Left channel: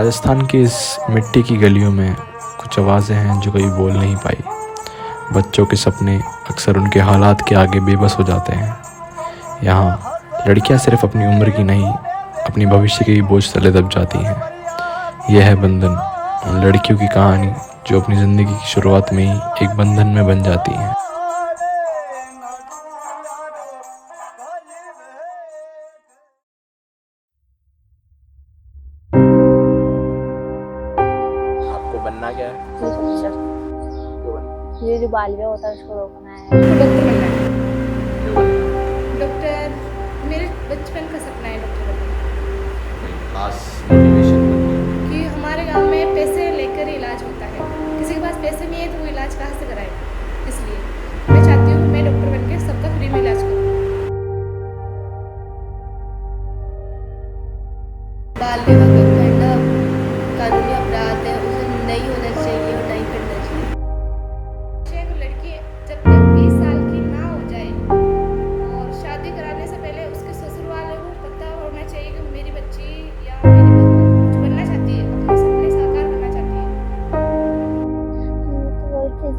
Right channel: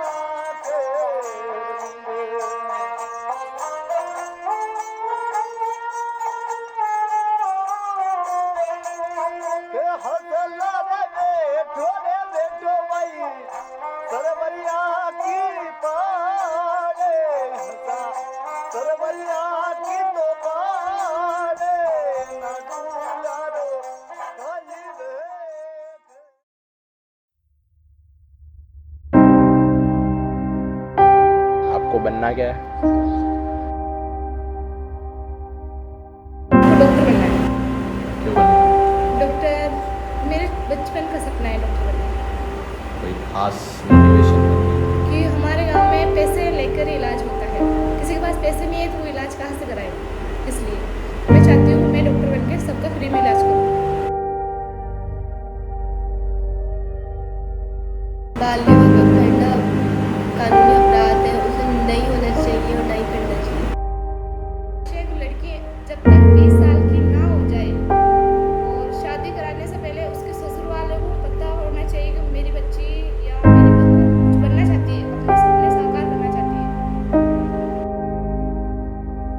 राजस्थान की इस मिट्टी की गलियों में कुछ आवाज़ें हैं जो कभी बोल नहीं पाई। बच्चों के सपने अक्सर उनके हालात के आगे बेबस हो जाते हैं। यहाँ लड़कियाँ सिर्फ अपनी उम्र की नहीं, अपनी भविष्य के भी बोझ तले दब जाती हैं। यह है बंधन, उन लड़कियों की कहानी जो अपनी ज़िंदगी की शुरुआत में ही एक बंधन में बन जाती हैं। आपको बनना क्या है? डॉक्टर। ये जो बालिया होता है उसको रोकना है। डॉक्टर बनना है। डॉक्टर मेरे बचपन का सपना है डॉक्टर बनना। कि हमारे गांव में पैसे लेकर ही इलाज होता है, किसी के पास पैसे नहीं है तो वो इलाज कहाँ से कराए। इसलिए मैं चाहती हूँ मैं डॉक्टर बनकर सबका फ्री में इलाज करूँ। बाल विवाह करना कानूनी अपराध है, उसे नहीं होना चाहिए और नहीं करना चाहिए। एक लड़की जब तक 20 साल की ना हो जाए और शादी कराने से पहले उसके ससुर वालों को पता होना चाहिए कि मेरी बच्ची या मेरी बहू कुछ बनना चाहती है, अपने सपने साकार करना चाहती है।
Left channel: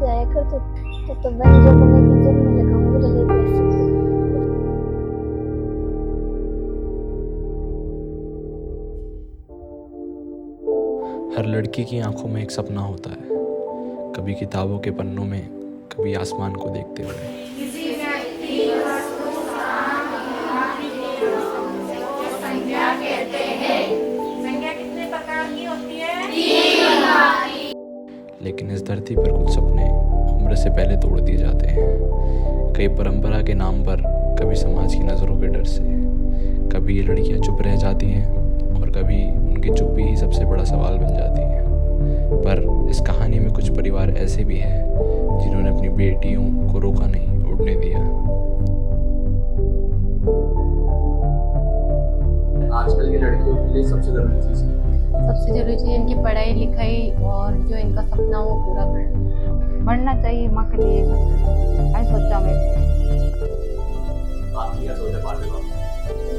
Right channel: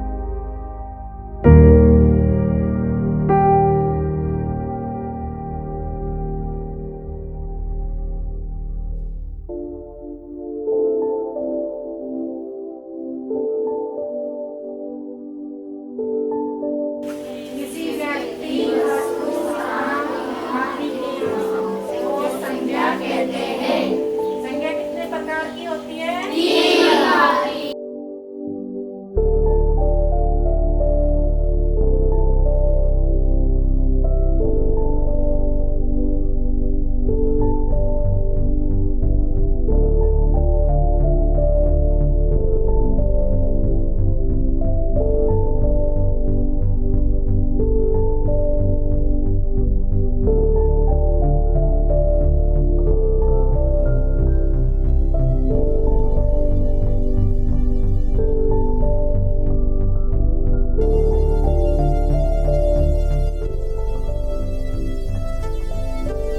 जाया कर तो बन जो बनेगी जब मैं लगाऊंगी बनेगी। हर लड़की की आंखों में एक सपना होता है, कभी किताबों के पन्नों में, कभी आसमान को देखते हुए। संज्ञा कहते हैं। संज्ञा कितने प्रकार की होती है? लेकिन इस धरती पर कुछ सपने उम्र से पहले तोड़ दिए जाते हैं, कई परंपरा के नाम पर, कभी समाज की नज़रों के डर से। कभी ये लड़कियां चुप रह जाती हैं और कभी उनकी चुप्पी ही सबसे बड़ा सवाल बन जाती है। पर इस कहानी में कुछ परिवार ऐसे भी हैं जिन्होंने अपनी बेटियों को रोका नहीं, उड़ने दिया। आजकल की लड़कियों के लिए सबसे जरूरी चीज़ इनकी पढ़ाई लिखाई और जो इनका सपना वो पूरा करना बढ़ना चाहिए माँ के लिए। मैं सोचा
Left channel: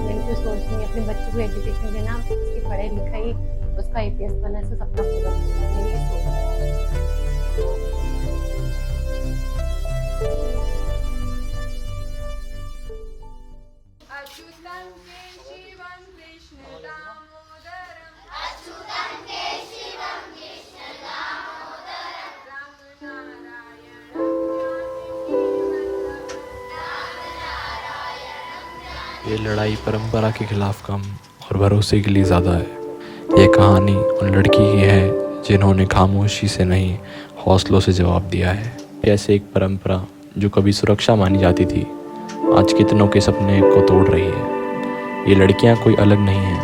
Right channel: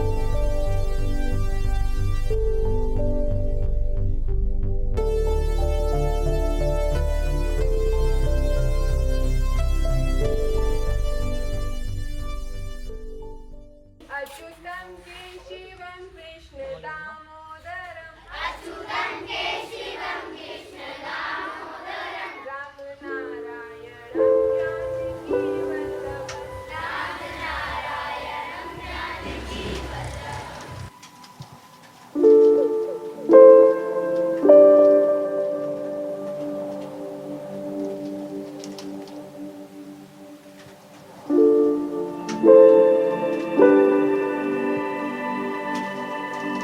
बिल्कुल सोचनी अपने बच्चे को एजुकेशन देना, उसकी पढ़ाई लिखाई, उसका IPS बनने से सपना पूरा करना। अच्युतं केशवं कृष्ण दामोदरं ये लड़ाई परंपरा के खिलाफ कम और भरोसे के लिए ज़्यादा है। ये कहानी उन लड़की की है जिन्होंने खामोशी से नहीं, हौसलों से जवाब दिया है। ऐसे एक परंपरा जो कभी सुरक्षा मानी जाती थी, आज कितनों के सपने को तोड़ रही है। ये लड़कियां कोई अलग नहीं हैं,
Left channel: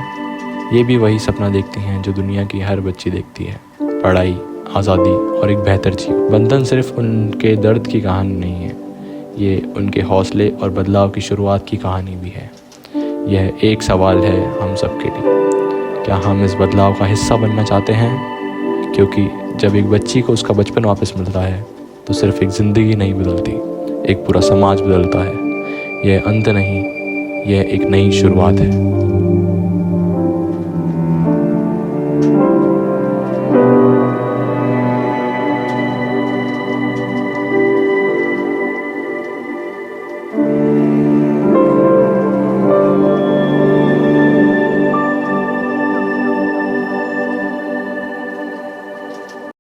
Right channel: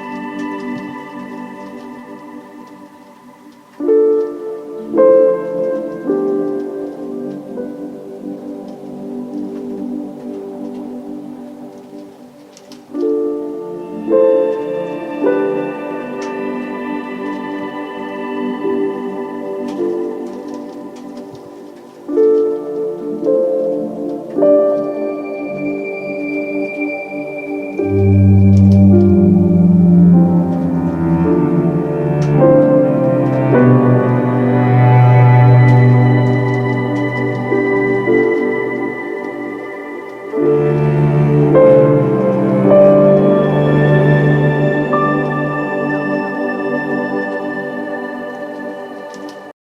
ये भी वही सपना देखती हैं जो दुनिया की हर बच्ची देखती है: पढ़ाई, आज़ादी और एक बेहतर जीवन। बंधन सिर्फ उनके दर्द की कहानी नहीं है, ये उनके हौसले और बदलाव की शुरुआत की कहानी भी है। यह एक सवाल है हम सब के लिए: क्या हम इस बदलाव का हिस्सा बनना चाहते हैं? क्योंकि जब एक बच्ची को उसका बचपन वापस मिलता है तो सिर्फ एक ज़िंदगी नहीं बदलती, एक पूरा समाज बदलता है। यह अंत नहीं, यह एक नई शुरुआत है।